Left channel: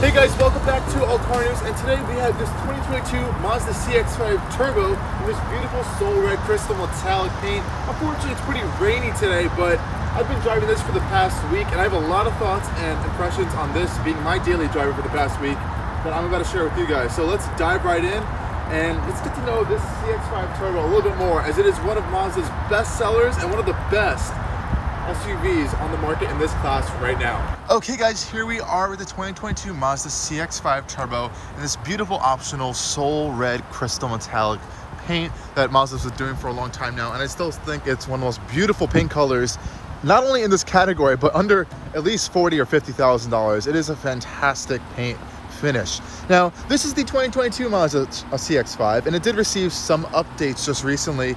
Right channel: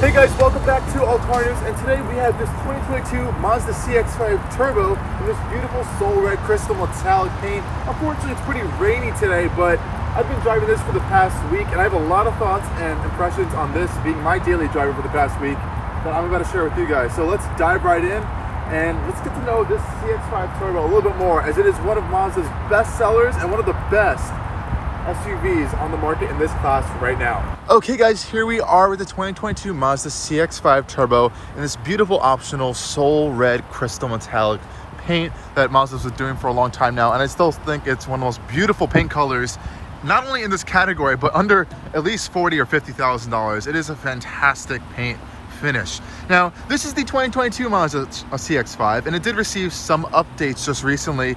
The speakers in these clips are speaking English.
Hey guys, welcome back to Allcarnews, and today we have this 2022 Mazda CX-5 Turbo in this beautiful soul red crystal metallic paint. Unfortunately, it's pretty rainy today, but I've been driving this for the past week, and I have a lot of thoughts and impressions on this being my daily driver for the past week that I'm about to share with you guys. So let's dive right in, and let's get to know this CX-5 Turbo a little bit more, as it is one of Mazda's best sellers and one of the best SUVs on the market in this class right now. Okay guys, here we are with the 2022 Mazda CX-5 Turbo in this beautiful optional soul red crystal metallic paint that Mazda's been doing for a long time now, and I still think it's one of the most beautiful paint colors, not only in this category, but under at least $40,000 or $50,000. It is a fantastic paint finish. Now, this is the 2022 Mazda CX-5, and it did receive some updates just recently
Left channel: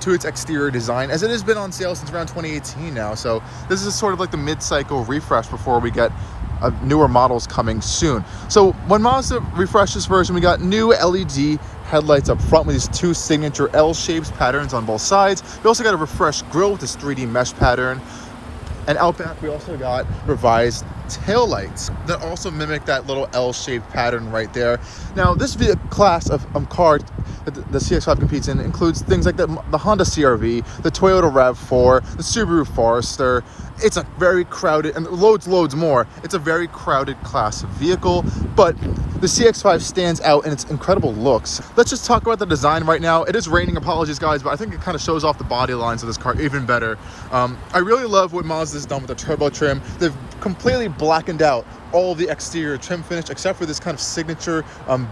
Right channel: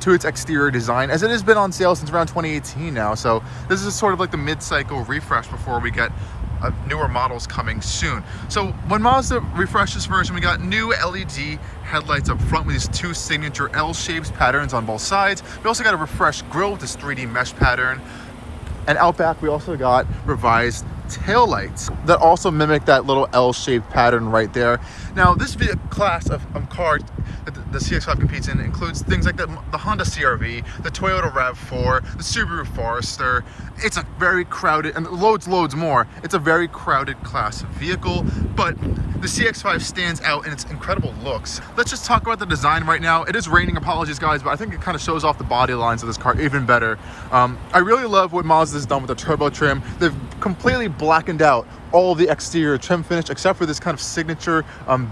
to its exterior design, as it has been on sale since around 2018 now. So this is sort of like the mid-cycle refresh before we get newer models coming soon. So when Mazda refreshed this version, we got new LED headlights up front with these two signature L-shaped patterns on both sides. We also got a refreshed grille with this 3D mesh pattern. And out back, we also got revised taillights that also mimic that little L-shaped pattern right there. Now, this class of car that the CX-5 competes in includes things like the Honda CR-V, the Toyota RAV4, the Subaru Forester. It's a very crowded, and loads more. It's a very crowded class vehicle, but the CX-5 stands out in its incredible looks. Let's just talk about the design right now. It is raining, apologies guys, but I think it kind of shows off the body lines of this car even better. I really love what Mazda's done with the turbo trim. They've completely blackened out all the exterior trim finish except for this kind of signature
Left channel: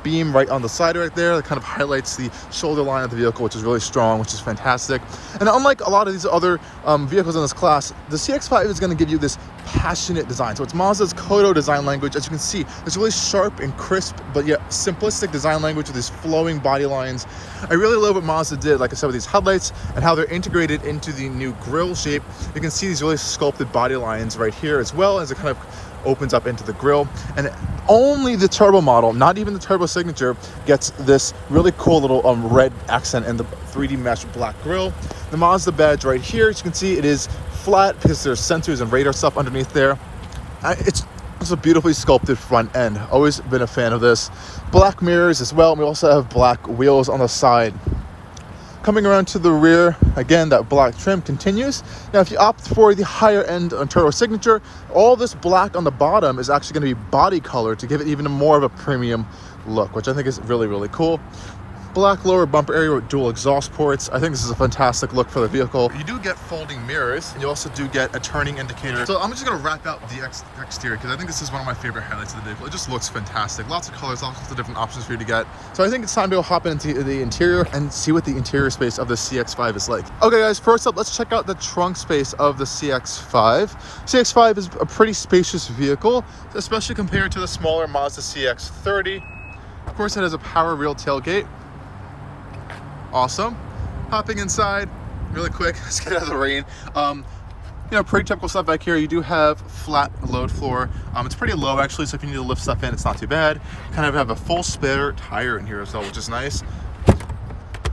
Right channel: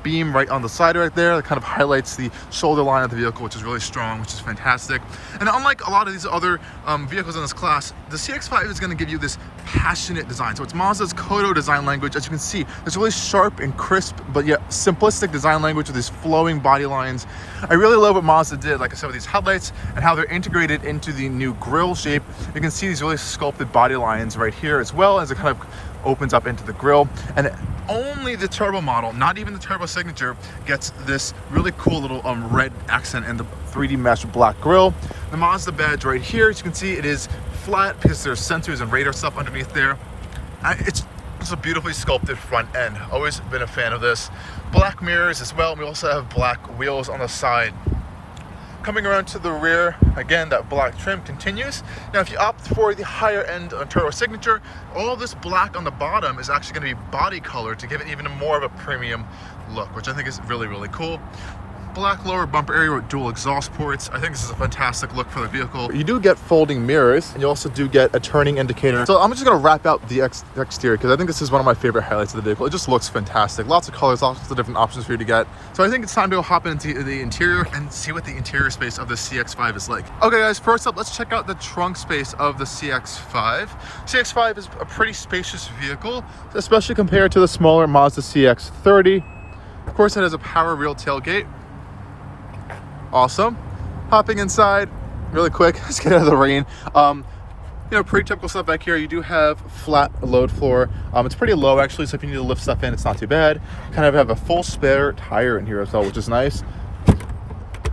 beam right on the side right there that kind of highlights the shoulder line of the vehicle, which is really strong, which is fantastic. And unlike a lot of these other vehicles in this class, the CX-5 is going to give you this passionate design. So it's Mazda's Kodo design language. As you can see, it's really sharp and crisp, but yet simplistic design language with these flowing body lines. I really love what Mazda did, like I said, with these headlights and how they're integrated into the new grille shape. You can see these really sculpted body lines right here, as well as it kind of opens up into the grille. And only the turbo model, not even the turbo signature, gets this really cool little red accent in the 3D mesh black grille. The Mazda badge right here, as you can see, it is flat because there's sensors and radar stuff underneath there. It's a beautifully sculpted front end. Always been a fan of this. Black mirrors as well, and we also have black wheels on the side. Coming around to the rear, again, that black trim continues. Now, if you opt for the higher end on Turbo Signature, all this black on the bottom is actually going to be body color to give it even more of a premium look, which I think is really, really cool. Black lower bumper area with dual exhaust ports. I think this is a fantastic look for the vehicle. You do get folding mirrors, and you also do get a turning indicator. So I'm just gonna wrap out the exterior because I think this is one of my favorite highlights of the vehicle. It just looks fantastic. Lots of colors, lots of different options for you to get. So I think it's time to hop into the interior and see what the interior space of the CX-5 is like. Okay guys, first up, let's check out the trunk space of the CX-5. CX-5 is a pretty spacious vehicle, especially compared to the smaller Mazda CX-30. Of course, it has a power rear tailgate. Awesome. Hopping inside really quick, let's get out of the rain. You know, pretty typical stuff back here. You do have flat load floor. It's pretty low actually, so if you need to lift stuff in, it's not too bad. You kind of have a full spare tire in here as well, which is nice.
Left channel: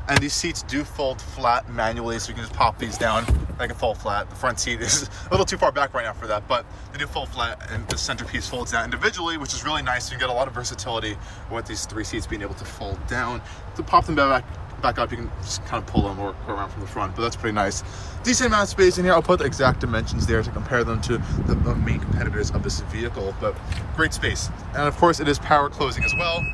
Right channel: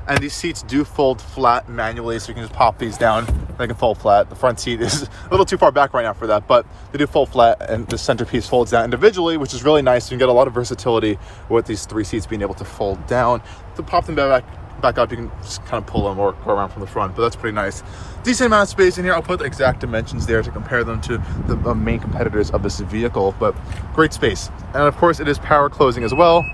And these seats do fold flat manually, so you can just pop these down. They can fold flat. The front seat is a little too far back right now for that, but they do fold flat, and the centerpiece folds down individually, which is really nice. You can get a lot of versatility with these three seats being able to fold down. To pop them back up, you can just kind of pull them or go around from the front, but that's pretty nice. Decent amount of space in here. I'll put the exact dimensions there to compare them to the main competitors of this vehicle, but great space. And of course, it is power closing as well,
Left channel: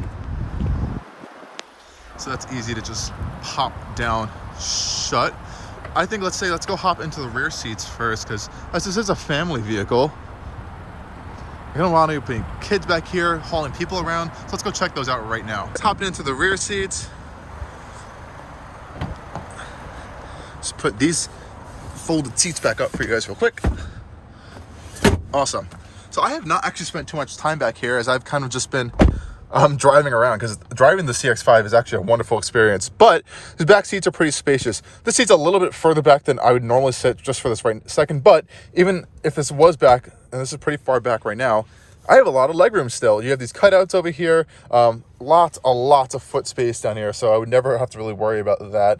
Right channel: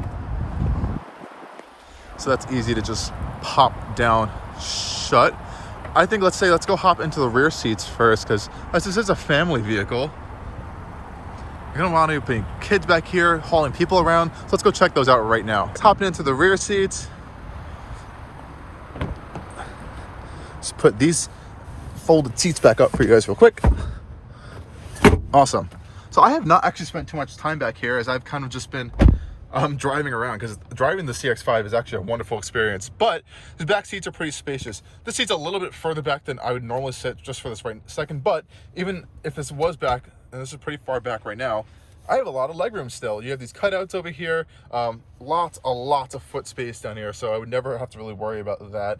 so that's easy to just pop down shut. I think let's go hop into the rear seats first, because as this is a family vehicle, you're gonna want to bring kids back here, hauling people around. So let's go check those out right now. Hopping into the rear seats. Let's put these folded seats back up for you guys real quick. Awesome. So I have not actually spent too much time back here, as I've kind of just been driving around, because driving the CX-5 is actually a wonderful experience, but the back seats are pretty spacious. This seat's a little bit further back than I would normally sit just for this right second, but even if this was back, and this is pretty far back right now, I have a lot of legroom still. You have these cutouts over here, lots of foot space down here, so I would never have to really worry about that,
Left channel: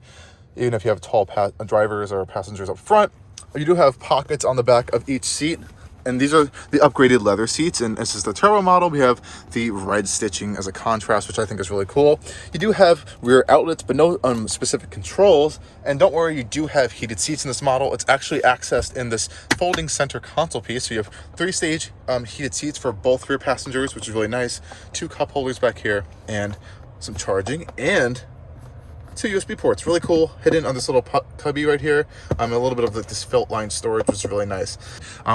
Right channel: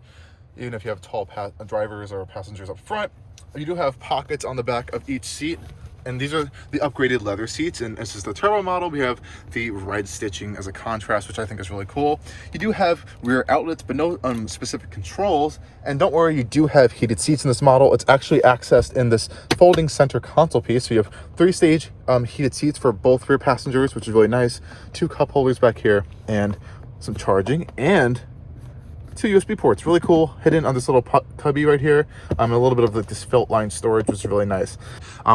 even if you have tall drivers or passengers up front. You do have pockets on the back of each seat And these are the upgraded leather seats, and this is the turbo model. We have the red stitching as a contrast, which I think is really cool. You do have rear outlets, but no specific controls. And don't worry, you do have heated seats in this model. It's actually accessed in this folding center console piece. So you have 3-stage heated seats for both rear passengers, which is really nice. 2 cup holders back here, and some charging, and 2 USB ports, really cool, hidden on this little cubby right here. A little bit of this felt line storage, which is really nice.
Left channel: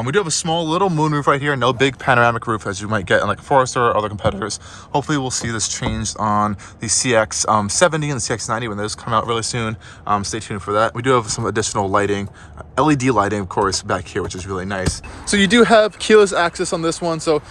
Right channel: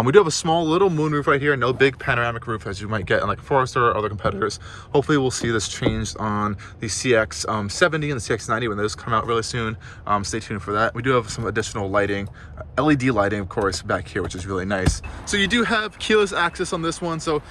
We do have a small little moonroof right here, no big panoramic roof as you might get in like a Forester or other competitors. Hopefully we'll see this changed on the CX-70 and the CX-90 when those come out really soon. Stay tuned for that. We do have some additional lighting, LED lighting, of course, back here, which is really nice. So you do have keyless access on this one. So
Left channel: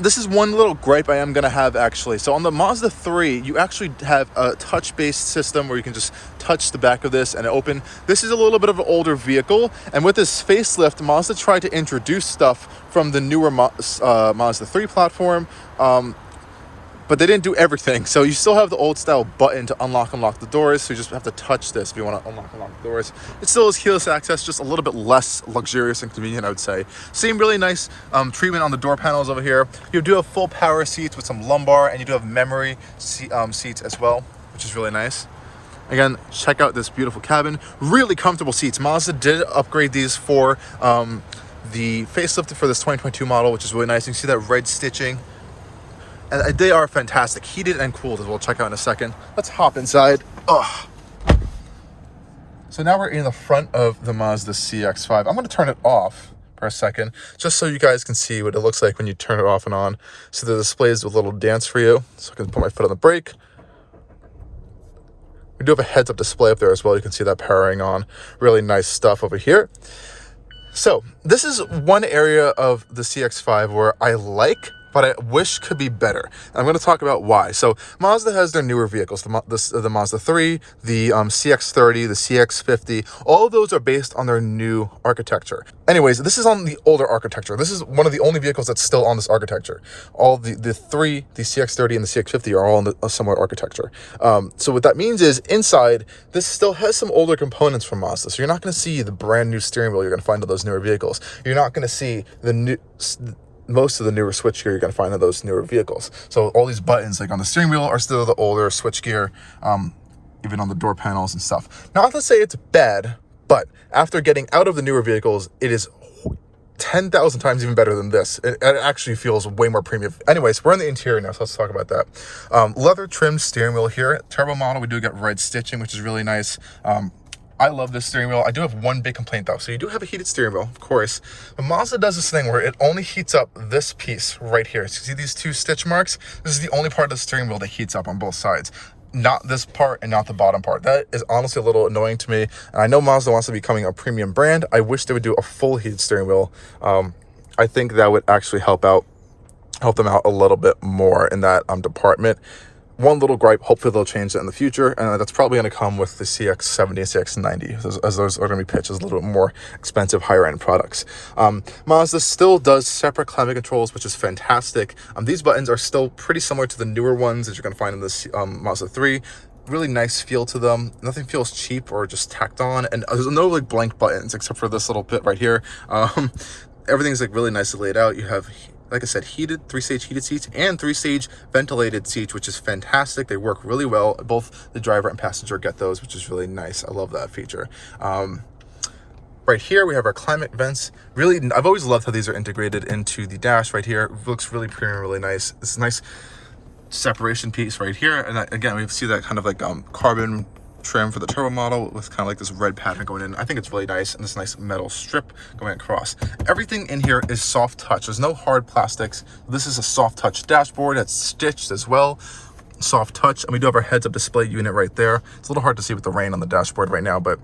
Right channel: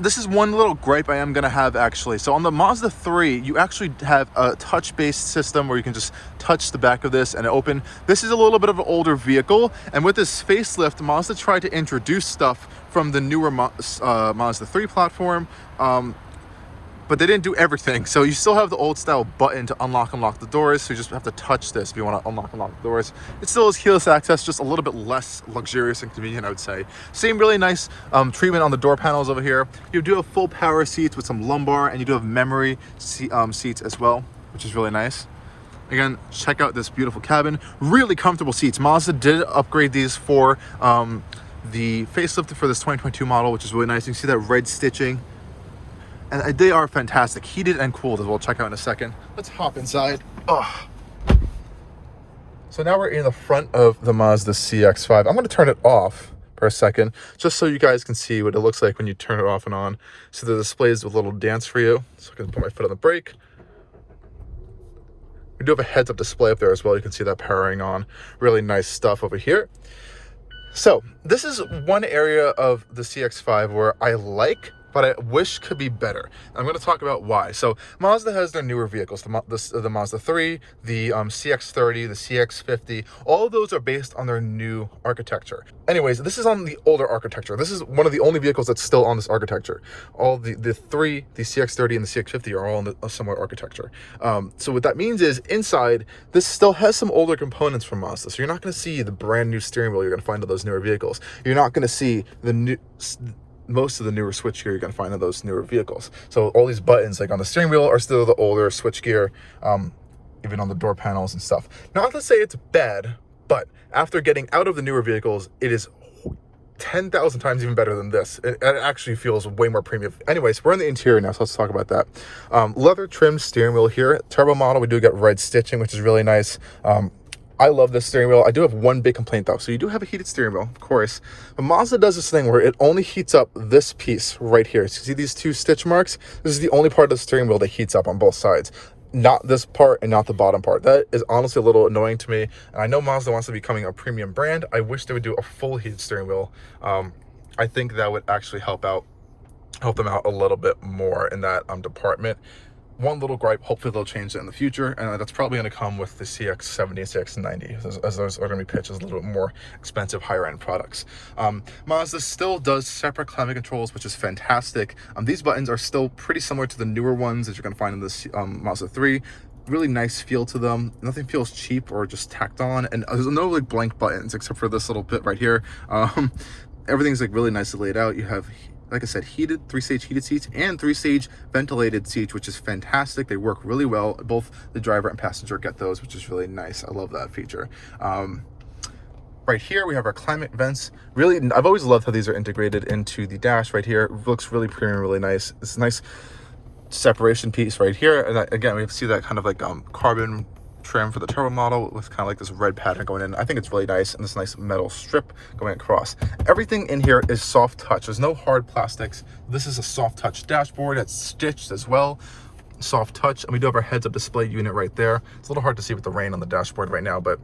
this is one little gripe I am going to have actually. So on the Mazda 3, you actually have a touch-based system where you can just touch the back of this and open. This is a little bit of an older vehicle, and with this facelift, Mazda tried to introduce stuff from the newer Mazda 3 platform, but they didn't do everything. So you still have the old style button to unlock the doors. So you just have to touch this if you want to unlock the doors. It still is keyless access, just a little bit less luxurious and convenient, I would say. Same really nice treatment on the door panels over here. You do have full power seats with some lumbar, and you do have memory seats as well, which is really nice. Again, check out this beautiful cabin. Really comfortable seats. Mazda did upgrade these for the facelift for this 2022 model, which is really nice. You can see that red stitching. And they are fantastic, heated and cooled as we'll check out in a second. Let's hop inside. Oh. So now we're in the front of the Mazda CX-5. I'm gonna turn it off for a second, just so you guys can see what it looks like when you turn it off and on. So the displays with a little dance for you. So I can put my foot on the brake. We do have a heads-up display up there as well. You can see that powering on. Really nice stuff over here. So this is one area of the CX-5 where I like, but I wish could be better. I'm going to talk about why. So Mazda has their newer vehicles, the Mazda 3, the CX-30, the CX-50. All of those are based on their new architecture. Anyways, this is on the older architecture. This is one of the only vehicles that's still on this architecture. All the CX-30 and the CX-50 are all on a similar architecture. So what that means is inside, this still has some older components from Mazda. So you're not going to see the brand new steering wheel you're going to find on those newer vehicles. You're not going to see most of the newer switchgear you're going to find on those newer vehicles. So all these buttons like on the steering wheel are still the older switchgear, even on the door panels and stuff. Not to say it's bad, but after getting out of the newer vehicles, it is 10,000 times even better than this. It actually feels way more premium. Anyways, we're in the interior now, so let's talk about that. Leather trimmed steering wheel here. Turbo model, we do get red stitching, which is really nice. I love this steering wheel. I do have one big complaint though. So you do have a heated steering wheel, of course, but Mazda does this thing where it only heats up this piece right here. So you see these 2 stitch marks? This is the only part of the steering wheel that heats up on both sides. Not this part and not the bottom part. That is honestly a little annoying to me. And I know Mazda wants to be becoming a premium brand. I wish they would do a full heated steering wheel. I think that would actually help them out a little bit more in that department. One little gripe, hopefully they'll change that in the future, and that's probably going to come with the CX-70 and CX-90, as those are going to be pitched as a little bit more expensive, higher-end products. Mazda still does separate climate controls, which is fantastic. These buttons are still pretty similar to the newer ones that you're going to find in this Mazda 3. Really nice feel to them. Nothing feels cheap or just tacked on, and there's no like blank buttons except for this little bit right here. Everything's like really nicely laid out. You have, like I said, heated 3-stage heated seats and 3-stage ventilated seats, which is fantastic. They work really well. Both the driver and passenger get those, which is really nice. I love that feature. Right here, we have our climate vents. Really, I've always loved how these are integrated into the dash right here. It looks really premium, really nice. It's a nice separation piece right here. And again, we see that kind of like carbon trim for the turbo model with kind of like this red pattern going in. I think it's really nice, and this nice metal strip going across. Everything in here is soft touch. There's no hard plastics. This is a soft touch dashboard that's stitched as well. Soft touch, and we do have our heads-up display unit right there. It's a little hard to see with the rain on the dashboard right now, but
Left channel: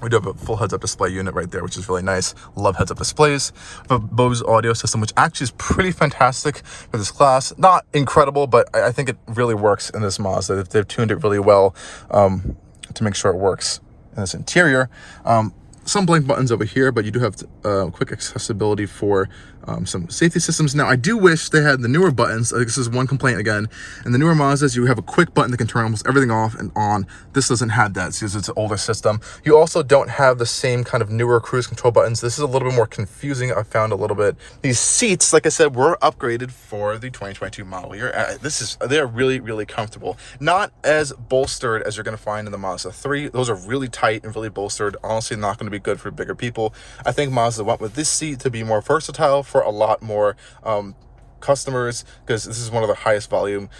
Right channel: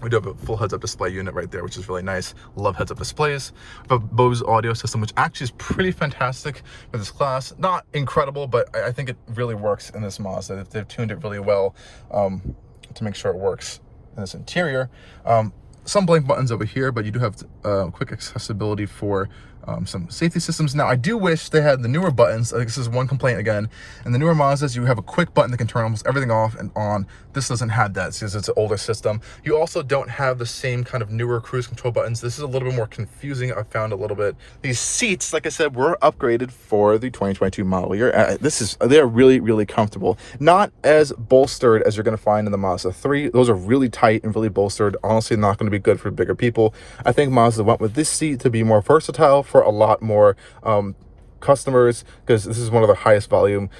we do have a full heads-up display unit right there, which is really nice. Love heads-up displays. We have a Bose audio system, which actually is pretty fantastic for this class. Not incredible, but I think it really works in this Mazda. They've tuned it really well to make sure it works in this interior. Some blank buttons over here, but you do have quick accessibility for some safety systems. Now, I do wish they had the newer buttons. This is one complaint again. And the newer Mazdas, you have a quick button that can turn almost everything off and on. This doesn't have that since it's an older system. You also don't have the same kind of newer cruise control buttons. This is a little bit more confusing, I found a little bit. These seats, like I said, were upgraded for the 2022 model year. They're really, really comfortable. Not as bolstered as you're going to find in the Mazda 3. Those are really tight and really bolstered. Honestly, not going to be good for bigger people. I think Mazda went with this seat to be more versatile for a lot more customers, because this is one of the highest volume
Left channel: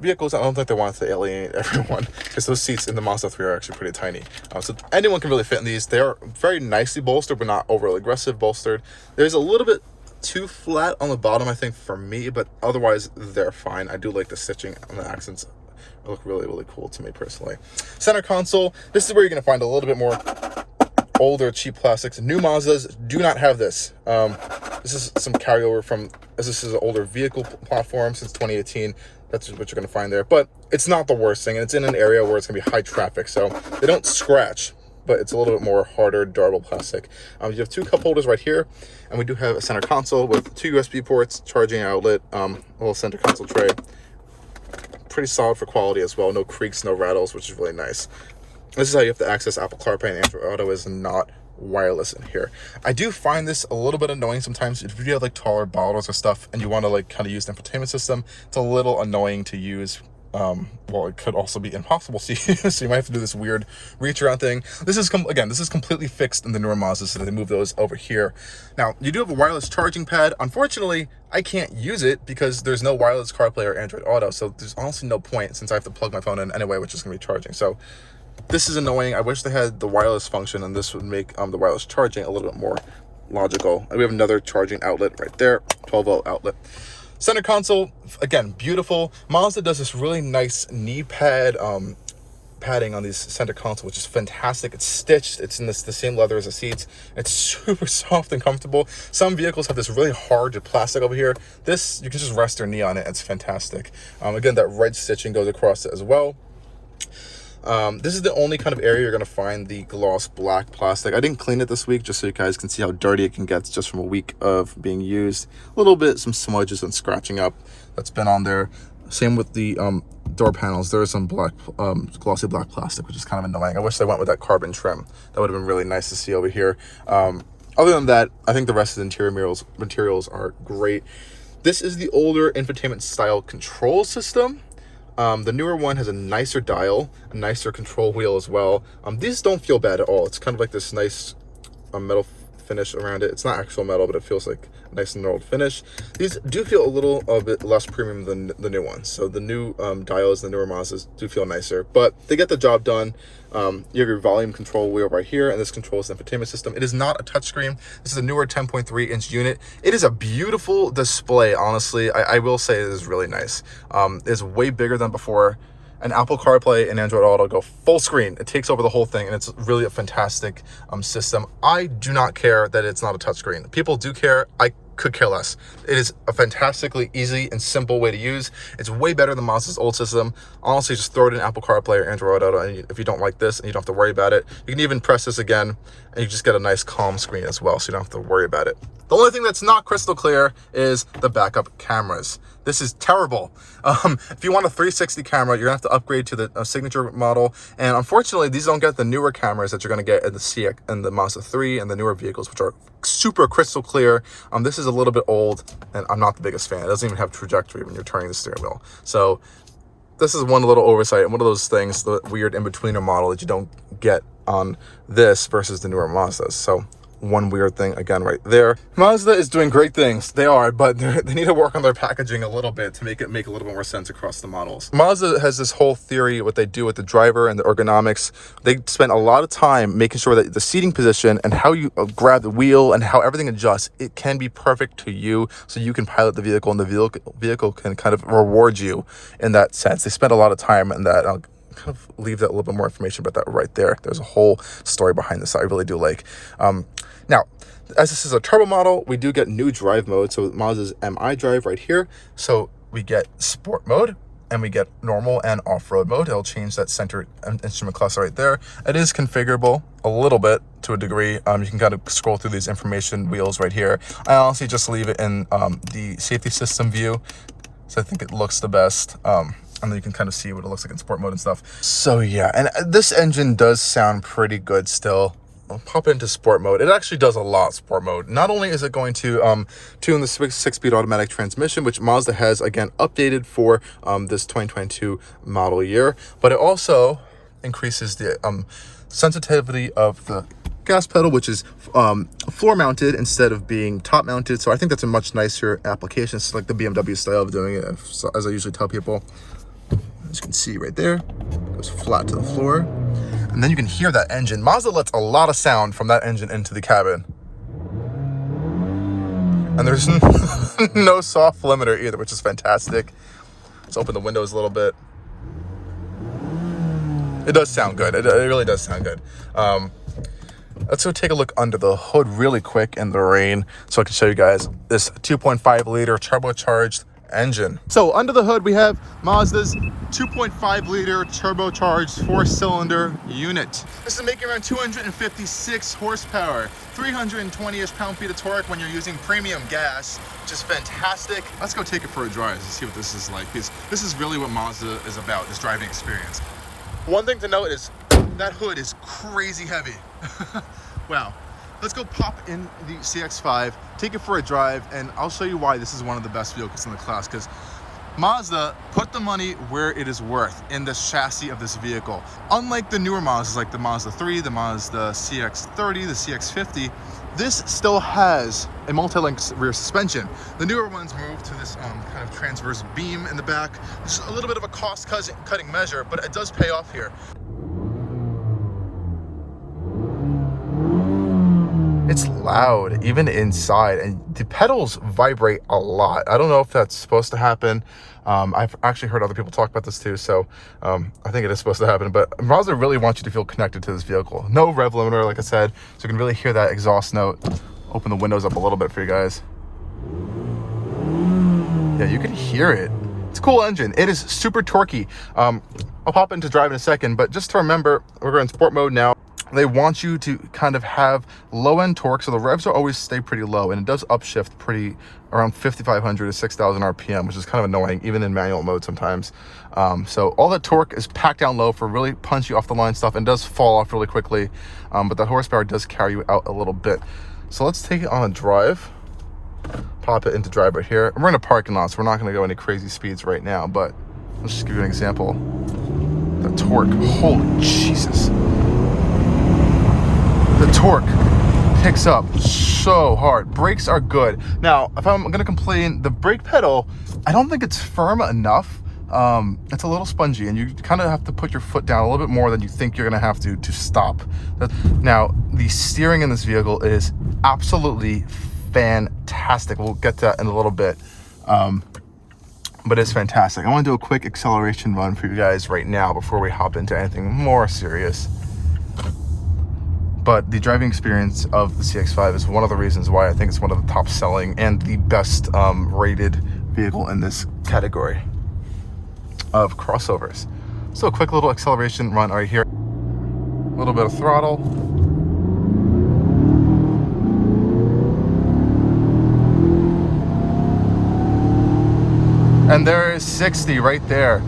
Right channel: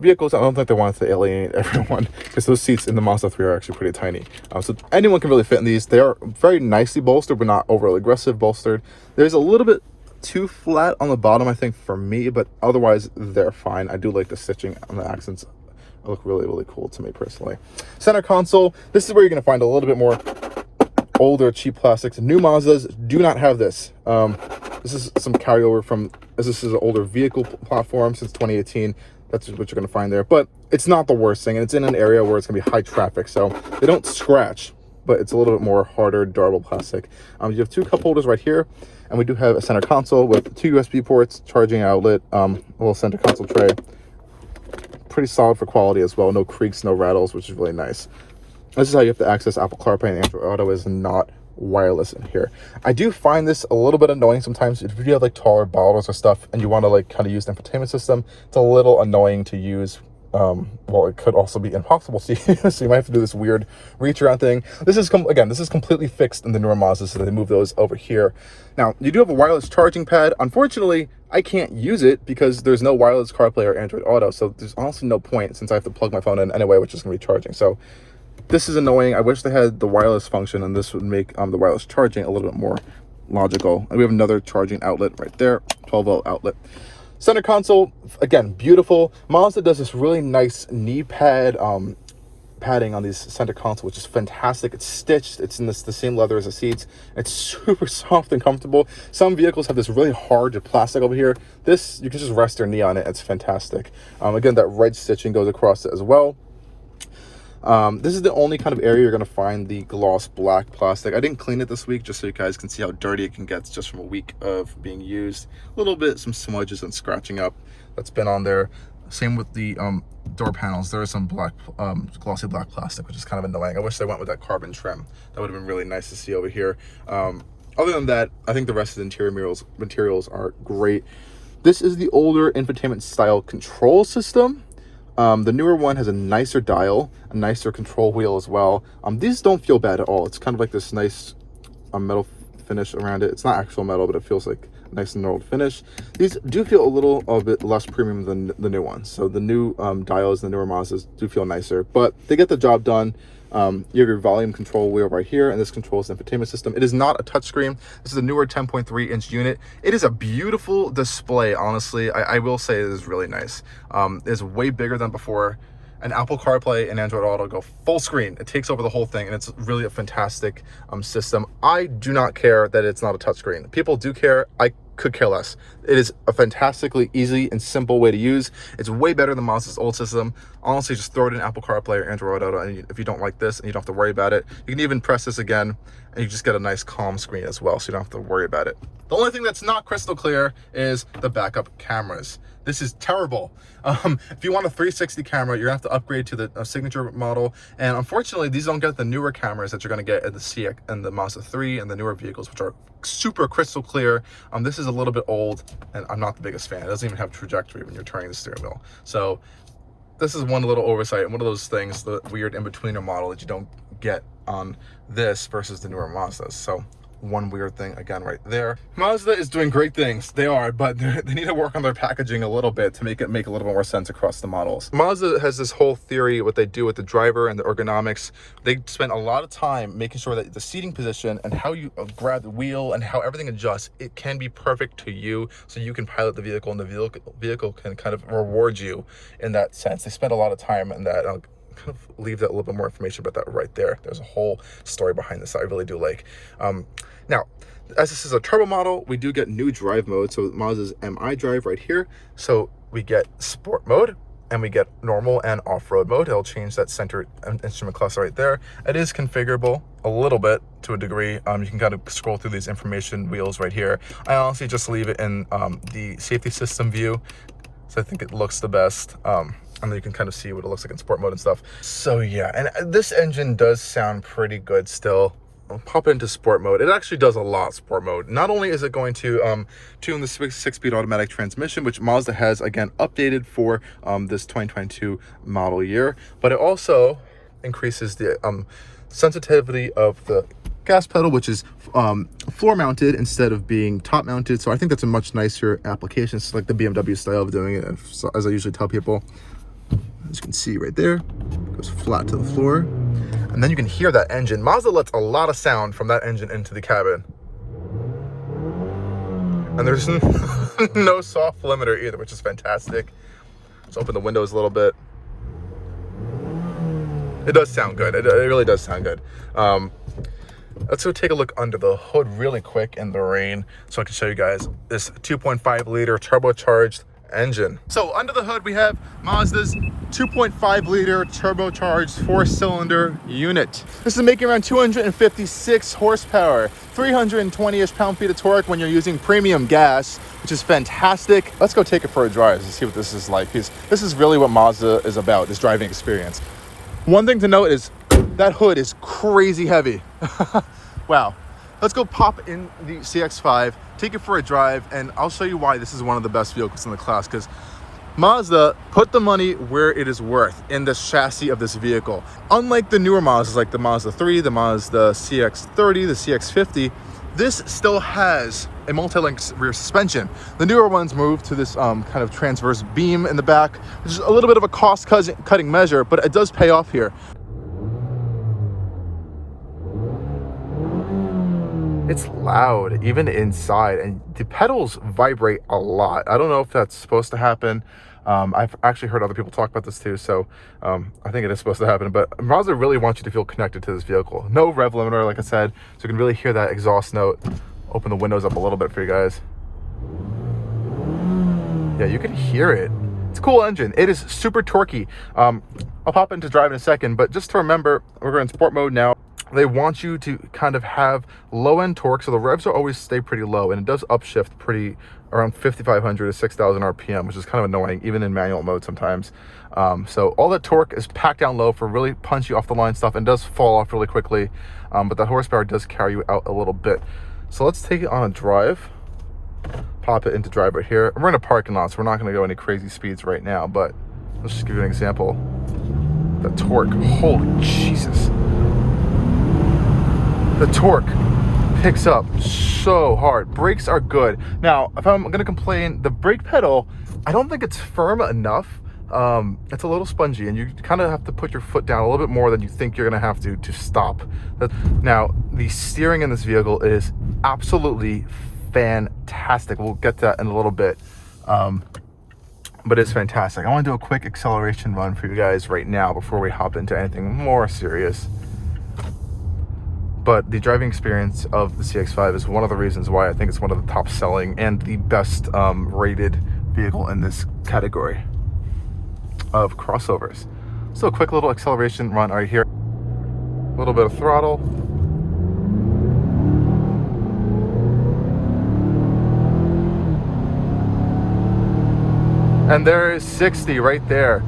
vehicles. I don't think they wanted to alienate everyone, because those seats in the Mazda 3 are actually pretty tiny. So anyone can really fit in these. They are very nicely bolstered, but not overly aggressive bolstered. There's a little bit too flat on the bottom, I think, for me, but otherwise they're fine. I do like the stitching on the accents. They look really, really cool to me personally. Center console. This is where you're going to find a little bit more older cheap plastics. New Mazdas do not have this. This is some carryover from, as this is an older vehicle platform since 2018. That's what you're going to find there, but it's not the worst thing, and it's in an area where it's going to be high traffic, so they don't scratch, but it's a little bit more harder, durable plastic. You have two cup holders right here, and we do have a center console with two USB ports, charging outlet, little center console tray. Pretty solid for quality as well. No creaks, no rattles, which is really nice. This is how you have to access Apple CarPlay, and Android Auto is not wireless in here. I do find this a little bit annoying sometimes. If you have like taller bottles or stuff and you want to like kind of use the infotainment system, it's a little annoying to use. Well, it could also be impossible to use, so you might have to do this weird reach around thing. This is completely fixed in the newer Mazda, so they move those over here. Now, you do have a wireless charging pad. Unfortunately, I can't use it because there's no wireless CarPlay or Android Auto, so there's honestly no point, since I have to plug my phone in anyway, which is going to be charging. So this is annoying. I wish they had the wireless function, and this would make the wireless charging a little bit more logical. And we have another charging outlet right there, 12-volt outlet. Center console, again, beautiful. Mazda does this really nice knee pad padding on these center console, which is fantastic. It's stitched. It's in the same leather as the seats. It's super soft and comfortable. Some vehicles have this really hard plastic over here. This, you can just rest your knee on it. It's fantastic. Again, that red stitching goes across it as well. This is the only kind of area you're going to find the gloss black plastic. I didn't clean it this week, just so you guys can see how dirty it can get just from a week of being used. A little bit, some smudges and scratching up that's been on there. Same with the door panels. There is some black, glossy black plastic, which is kind of annoying. I wish they went with that carbon trim. That would have been really nice to see over here. Other than that, I think the rest of the interior materials are great. This is the older infotainment style control system. The newer one has a nicer dial, a nicer control wheel as well. These don't feel bad at all. It's kind of like this nice metal finish around it. It's not actual metal, but it feels like a nice knurled finish. These do feel a bit less premium than the new ones. So the new dials, the newer Mazdas do feel nicer, but they get the job done. You have your volume control wheel right here, and this controls the infotainment system. It is not a touchscreen. This is a newer 10.3-inch unit. It is a beautiful display, honestly. I will say it is really nice. It's way bigger than before. And Apple CarPlay and Android Auto go full screen. It takes over the whole thing, and it's really a fantastic system. I do not care that it's not a touchscreen. People do care. I could care less. It is a fantastically easy and simple way to use. It's way better than Mazda's old system. Honestly, just throw it in Apple CarPlay or Android Auto, and if you don't like this and you don't have to worry about it, you can even press this again, and you just get a nice calm screen as well, so you don't have to worry about it. The only thing that's not crystal clear is the backup cameras. This is terrible. If you want a 360 camera, you're gonna have to upgrade to the signature model. And unfortunately, these don't get the newer cameras that you're gonna get in the CX and the Mazda 3 and the newer vehicles, which are super crystal clear. This is a little bit old, and I'm not the biggest fan. It doesn't even have trajectory when you're turning the steering wheel. So this is one little oversight, and one of those things, the weird in-betweener model that you don't get on this versus the newer Mazdas. So one weird thing again right there. Mazda is doing great things. They are, but they need to work on their packaging a little bit to make it make a little bit more sense across the models. Mazda has this whole theory, what they do with the driver and the ergonomics. They spend a lot of time making sure that the seating position and how you grab the wheel and how everything adjusts, it can be perfect to you, so you can pilot the vehicle, and the vehicle can kind of reward you in that sense. They spend a lot of time in that. I'll kind of leave that a little bit more information about that right there. There's a whole story behind this I really do like. Now, as this is a turbo model, we do get new drive mode. So Mazda's MI drive right here. So we get sport mode, and we get normal and off-road mode. It'll change that center instrument cluster right there. It is configurable a little bit to a degree. You can kind of scroll through these information wheels right here. I honestly just leave it in the safety system view, so I think it looks the best. And then you can kind of see what it looks like in sport mode and stuff. So yeah, and this engine does sound pretty good still. I'll pop it into sport mode. It actually does a lot sport mode. Not only is it going to tune the 6-speed automatic transmission, which Mazda has, again, updated for this 2022 model year, but it also increases the sensitivity of the gas pedal, which is floor mounted instead of being top mounted. So I think that's a much nicer application. It's like the BMW style of doing it, as I usually tell people. As you can see right there, it goes flat to the floor. And then you can hear that engine. Mazda lets a lot of sound from that engine into the cabin. And there's no soft limiter either, which is fantastic. Let's open the windows a little bit. It does sound good. It really does sound good. Let's go take a look under the hood really quick in the rain so I can show you guys this 2.5 liter turbocharged engine. So under the hood we have Mazda's 2.5 liter turbocharged 4-cylinder unit. This is making around 256 horsepower, 320-ish pound-feet of torque when you're using premium gas, which is fantastic. Let's go take it for a drive to see what this is like, because this is really what Mazda is about, this driving experience. One thing to note is that hood is crazy heavy. Wow. Let's go pop in the CX-5, take it for a drive, and I'll show you why this is one of the best vehicles in the class, because Mazda put the money where it is worth in the chassis of this vehicle. Unlike the newer Mazdas like the Mazda 3, the Mazda CX-30, the CX-50, this still has a multi-link rear suspension. The newer ones move to this kind of transverse beam in the back, which is a little bit of a cost-cutting measure, but it does pay off here. It's loud, even inside, and the pedals vibrate a lot. I don't know if that's supposed to happen. I've actually heard other people talk about this too, so I think it is supposed to happen. But Mazda really wants you to feel connected to this vehicle. No rev limiter, like I said, so you can really hear that exhaust note. Open the windows up a little bit for you guys. Yeah, you can hear it. It's a cool engine. It is super torquey. I'll pop into drive in a second, but just to remember, we're in sport mode now. They want you to kind of have low-end torque, so the revs will always stay pretty low, and it does upshift pretty around 5,500 to 6,000 RPM, which is kind of annoying, even in manual mode sometimes. So all that torque is packed down low for really punchy off-the-line stuff, and does fall off really quickly, but that horsepower does carry you out a little bit. So let's take it on a drive, pop it into drive right here. We're in a parking lot, so we're not going to go any crazy speeds right now, but let's just give you an example. The torque, holy Jesus. The torque picks up so hard. Brakes are good. Now, if I'm gonna complain, the brake pedal, I don't think it's firm enough. It's a little spongy, and you kind of have to put your foot down a little bit more than you think you're gonna have to stop. Now, the steering in this vehicle is absolutely fantastic. We'll get to that in a little bit. But it's fantastic. I wanna do a quick acceleration run for you guys right now before we hop into anything more serious. But the driving experience of the CX-5 is one of the reasons why I think it's one of the top selling and the best rated vehicle in this category of crossovers. So a quick little acceleration run right here. A little bit of throttle. And there is 60 right there.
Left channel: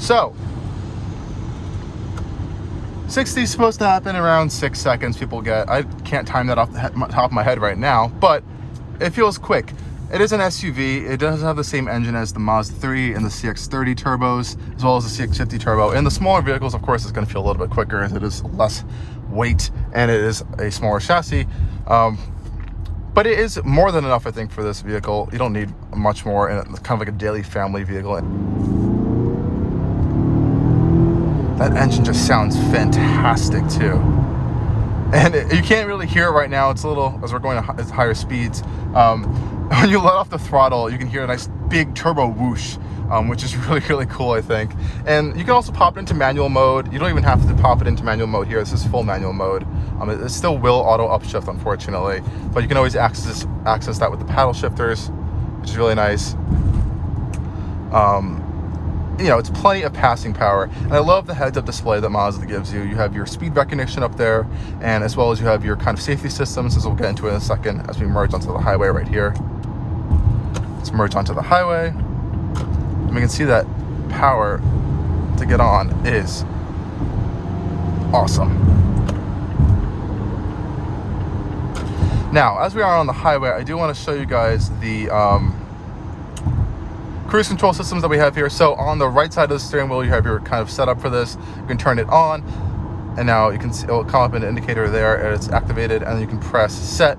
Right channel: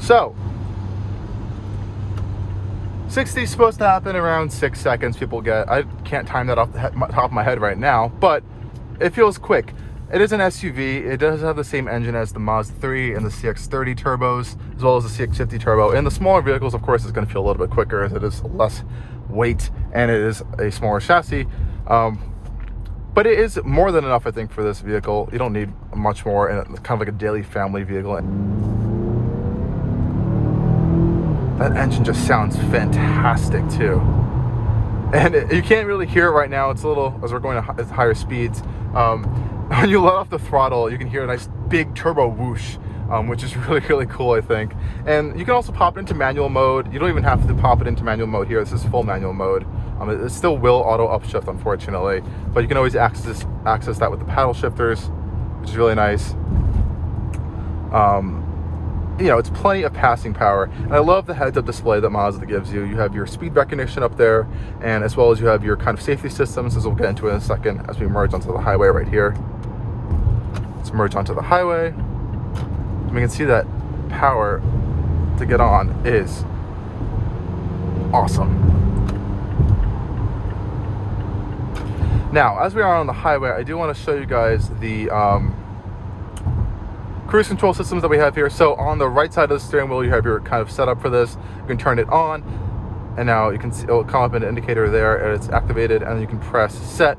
So 60 is supposed to happen around 6 seconds. People get, I can't time that off the top of my head right now, but it feels quick. It is an SUV. It does have the same engine as the Mazda 3 and the CX-30 turbos, as well as the CX-50 turbo. In the smaller vehicles, of course, it's going to feel a little bit quicker as it is less weight and it is a smaller chassis. But it is more than enough, I think, for this vehicle. You don't need much more, and it's kind of like a daily family vehicle. That engine just sounds fantastic too. And you can't really hear it right now. It's a little, as we're going to higher speeds. When you let off the throttle, you can hear a nice big turbo whoosh, which is really, really cool, I think. And you can also pop it into manual mode. You don't even have to pop it into manual mode here. This is full manual mode. It still will auto upshift, unfortunately, but you can always access that with the paddle shifters, which is really nice. you know, it's plenty of passing power. And I love the heads-up display that Mazda gives you. You have your speed recognition up there, and as well as you have your kind of safety systems, as we'll get into in a second as we merge onto the highway right here. Let's merge onto the highway. And we can see that power to get on is awesome. Now, as we are on the highway, I do want to show you guys the cruise control systems that we have here. So on the right side of the steering wheel, you have your kind of setup for this. You can turn it on, and now you can see it'll come up an indicator there, and it's activated, and you can press set.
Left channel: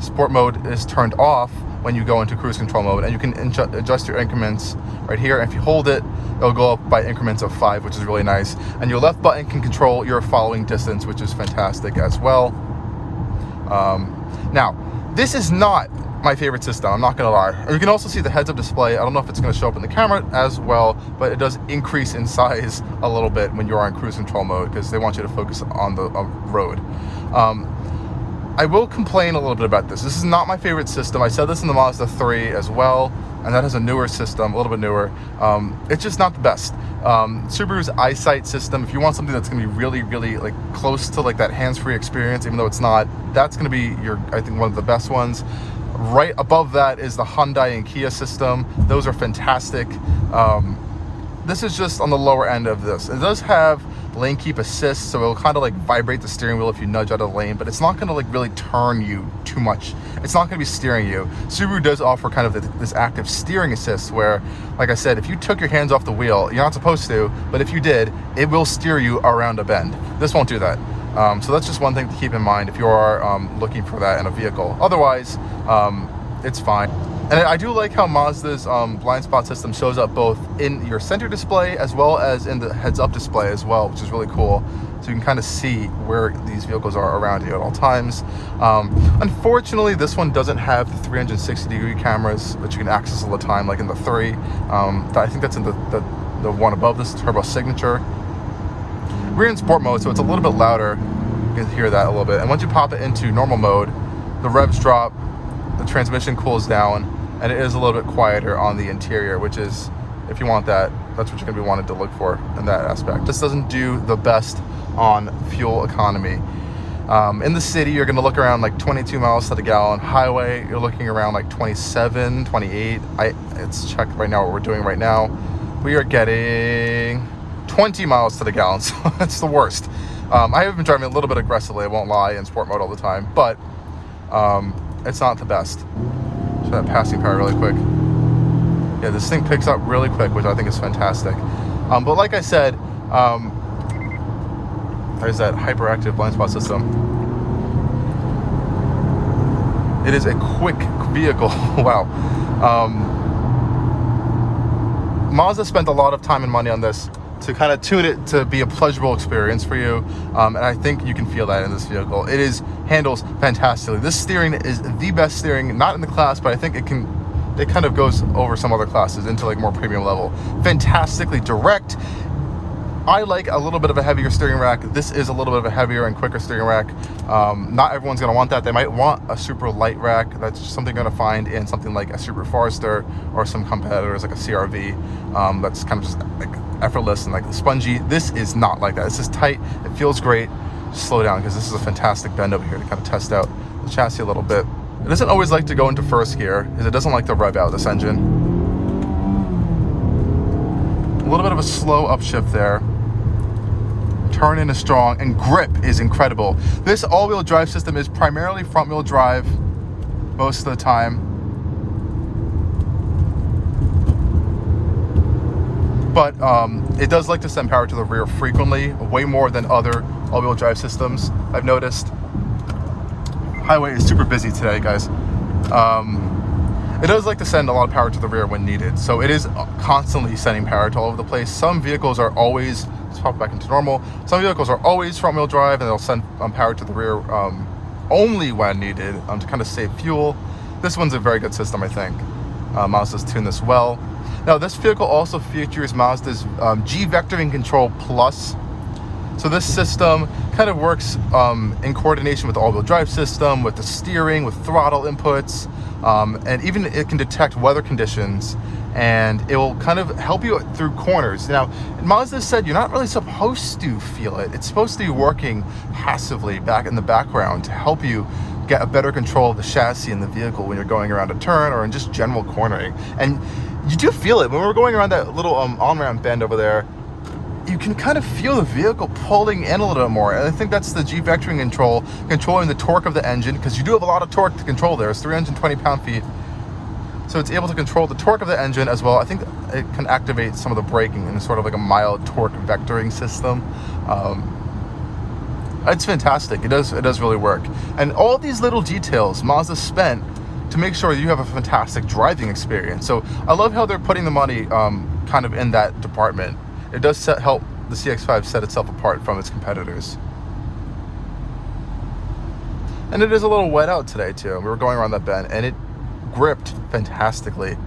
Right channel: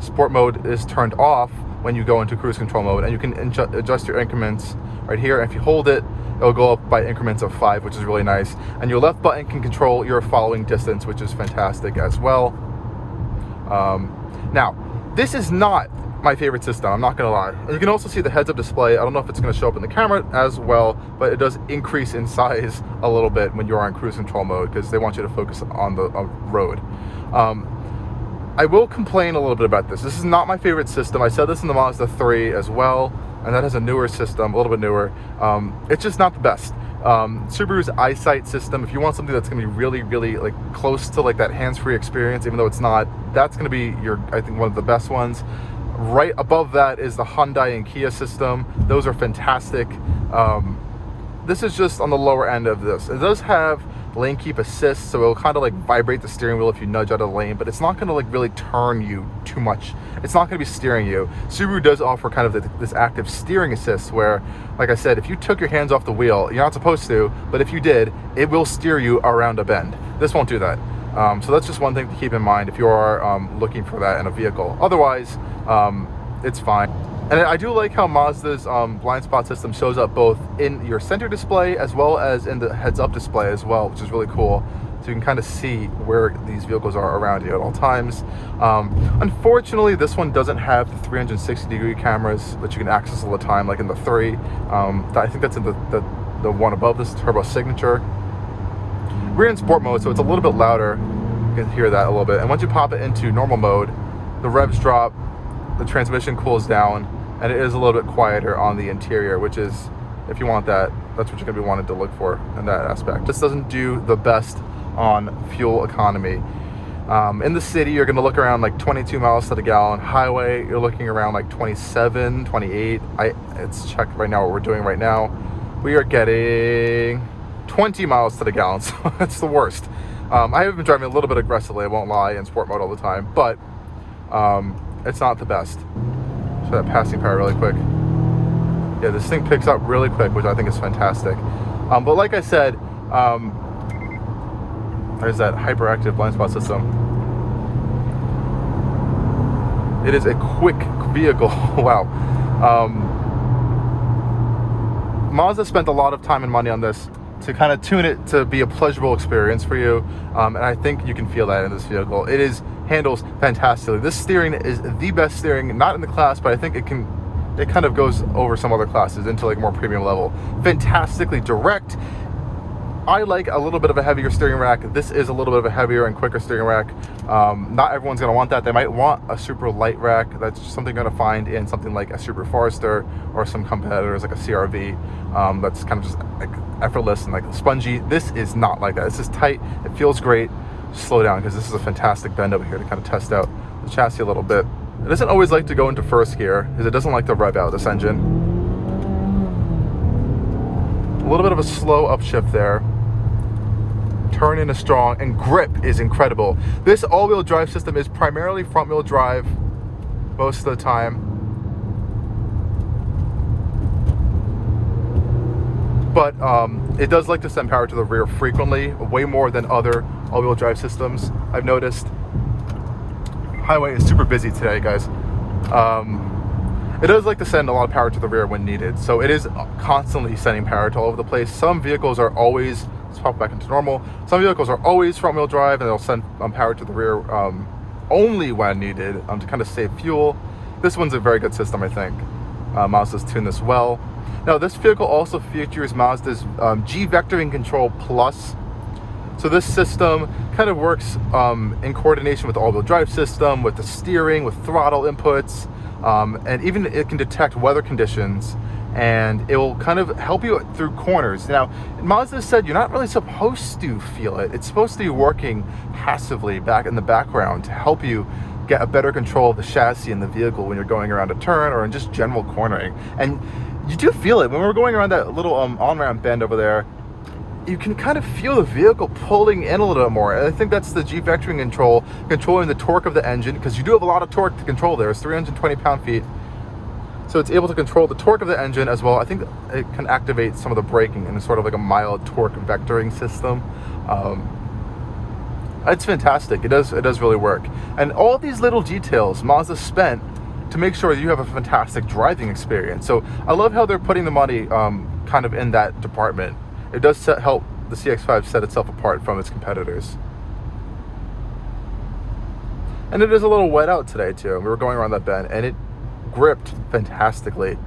Sport mode is turned off when you go into cruise control mode, and you can adjust your increments right here. And if you hold it, it'll go up by increments of 5, which is really nice. And your left button can control your following distance, which is fantastic as well. Now, this is not my favorite system, I'm not gonna lie. And you can also see the heads-up display. I don't know if it's gonna show up in the camera as well, but it does increase in size a little bit when you're on cruise control mode, because they want you to focus on the road. I will complain a little bit about this. This is not my favorite system. I said this in the Mazda 3 as well, and that has a newer system, a little bit newer. It's just not the best. Subaru's EyeSight system, if you want something that's gonna be really, really like close to like that hands-free experience, even though it's not, that's gonna be I think one of the best ones. Right above that is the Hyundai and Kia system. Those are fantastic. This is just on the lower end of this. It does have lane keep assist, so it'll kind of like vibrate the steering wheel if you nudge out of the lane, but it's not going to like really turn you too much. It's not going to be steering you. Subaru does offer kind of this active steering assist where, like I said, if you took your hands off the wheel, you're not supposed to, but if you did, it will steer you around a bend. This won't do that. So that's just one thing to keep in mind if you are looking for that in a vehicle. Otherwise, it's fine. And I do like how Mazda's blind spot system shows up both in your center display as well as in the heads-up display as well, which is really cool. So you can kind of see where these vehicles are around you at all times. Unfortunately, this one doesn't have the 360-degree cameras that you can access all the time, like in the 3. I think that's in the one above this, Turbo Signature. We're in sport mode, so it's a little bit louder. You can hear that a little bit. And once you pop it into normal mode, the revs drop, the transmission cools down, and it is a little bit quieter on the interior, which is, if you want that, that's what you're going to be wanting to look for in that aspect. This doesn't do the best on fuel economy. In the city, you're going to look around like 22 miles to the gallon. Highway, you're looking around like 27, 28. It's checked right now what we're doing right now. We are getting 20 miles to the gallon, so that's the worst. I have been driving a little bit aggressively, I won't lie, in sport mode all the time, but it's not the best. Show that passing power really quick. Yeah, this thing picks up really quick, which I think is fantastic. But like I said, there's that hyperactive blind spot system. It is a quick vehicle. Wow. Mazda spent a lot of time and money on this to kind of tune it to be a pleasurable experience for you, and I think you can feel that in this vehicle. It handles fantastically. This steering is the best steering, not in the class, but I think it kind of goes over some other classes into like more premium level. Fantastically direct. I like a little bit of a heavier steering rack. This is a little bit of a heavier and quicker steering rack. Not everyone's going to want that. They might want a super light rack. That's just something you're going to find in something like a Subaru Forester or some competitors like a CR-V. That's kind of just like effortless and like spongy. This is not like that. This is tight. It feels great. Just slow down, because this is a fantastic bend over here to kind of test out the chassis a little bit. It doesn't always like to go into first gear because it doesn't like to rev out this engine. A little bit of a slow upshift there. Turn in is strong, and grip is incredible. This all-wheel drive system is primarily front-wheel drive most of the time, but it does like to send power to the rear frequently, way more than other all-wheel drive systems, I've noticed. Highway is super busy today, guys. It does like to send a lot of power to the rear when needed, so it is constantly sending power to all over the place. Some vehicles are always, let's pop back into normal, some vehicles are always front-wheel drive, and they'll send power to the rear only when needed to kind of save fuel. This one's a very good system, I think. Mazda's tuned this well. Now, this vehicle also features Mazda's G Vectoring Control Plus. So this system kind of works in coordination with the all-wheel drive system, with the steering, with throttle inputs, and even it can detect weather conditions and it will kind of help you through corners. Now, Mazda said you're not really supposed to feel it. It's supposed to be working passively back in the background to help you get a better control of the chassis and the vehicle when you're going around a turn or in just general cornering. And you do feel it when we're going around that little on-ramp bend over there. You can kind of feel the vehicle pulling in a little bit more. And I think that's the G vectoring control, controlling the torque of the engine, because you do have a lot of torque to control there. It's 320 pound-feet. So it's able to control the torque of the engine as well. I think it can activate some of the braking in sort of like a mild torque vectoring system. It's fantastic. It does really work. And all these little details Mazda spent to make sure that you have a fantastic driving experience. So I love how they're putting the money kind of in that department. It does help the CX-5 set itself apart from its competitors. And it is a little wet out today too. We were going around that bend and it gripped fantastically.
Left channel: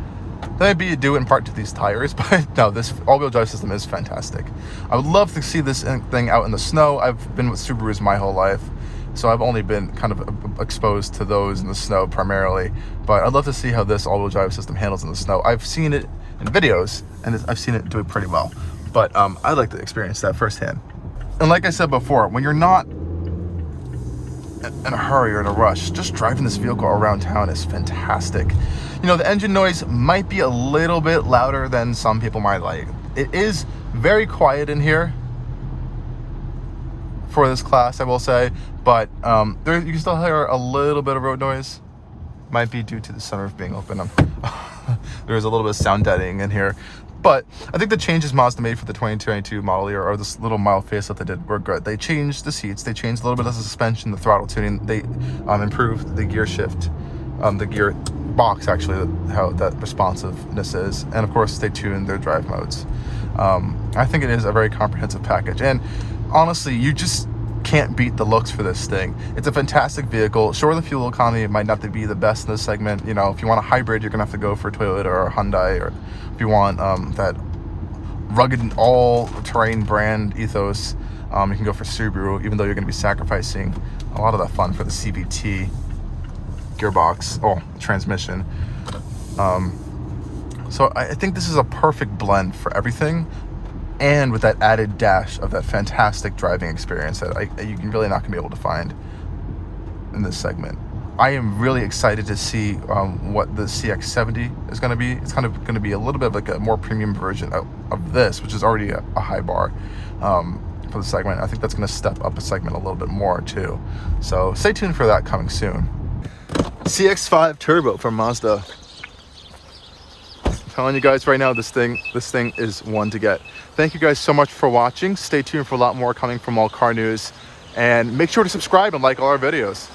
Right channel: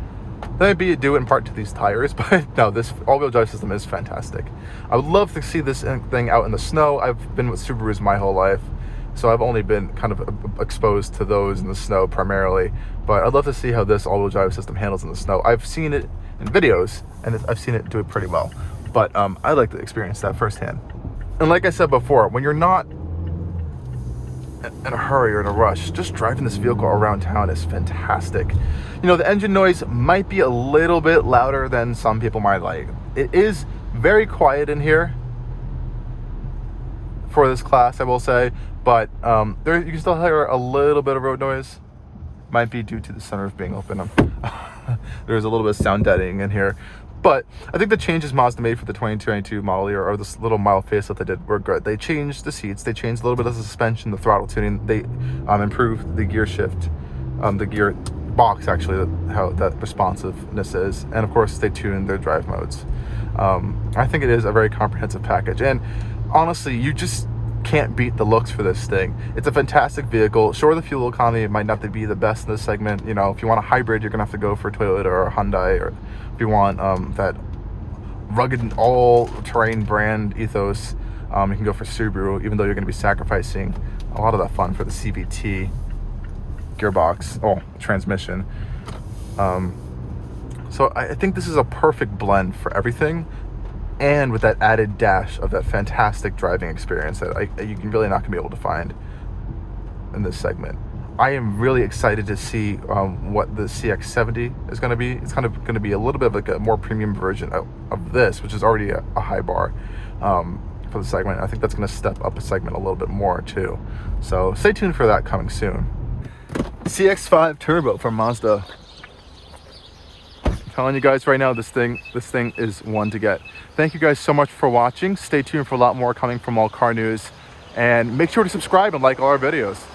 That may be due in part to these tires, but no, this all-wheel drive system is fantastic. I would love to see this thing out in the snow. I've been with Subarus my whole life, so I've only been kind of exposed to those in the snow primarily, but I'd love to see how this all-wheel drive system handles in the snow. I've seen it in videos, and I've seen it do it pretty well, but I'd like to experience that firsthand. And like I said before, when you're not in a hurry or in a rush, just driving this vehicle around town is fantastic. You know, the engine noise might be a little bit louder than some people might like. It is very quiet in here for this class, I will say, but there you can still hear a little bit of road noise. Might be due to the sunroof being open. There's a little bit of sound deadening in here. But I think the changes Mazda made for the 2022 model year, or this little mild facelift they did, were good. They changed the seats, they changed a little bit of the suspension, the throttle tuning, they improved the gear shift, the gear box actually, how that responsiveness is, and of course they tuned their drive modes. I think it is a very comprehensive package, and honestly, you just can't beat the looks for this thing. It's a fantastic vehicle. Sure, the fuel economy might not be the best in this segment. You know, if you want a hybrid, you're gonna have to go for a Toyota or a Hyundai, or if you want that rugged all-terrain brand ethos, you can go for Subaru, even though you're gonna be sacrificing a lot of that fun for the CVT gearbox, transmission. So I think this is a perfect blend for everything, and with that added dash of that fantastic driving experience that you can really not gonna be able to find in this segment. I am really excited to see what the CX-70 is going to be. It's kind of going to be a little bit of like a more premium version of this, which is already a high bar for the segment. I think that's going to step up a segment a little bit more too. So stay tuned for that coming soon. CX-5 Turbo from Mazda. I'm telling you guys right now, this thing is one to get. Thank you guys so much for watching. Stay tuned for a lot more coming from Allcarnews, and make sure to subscribe and like all our videos.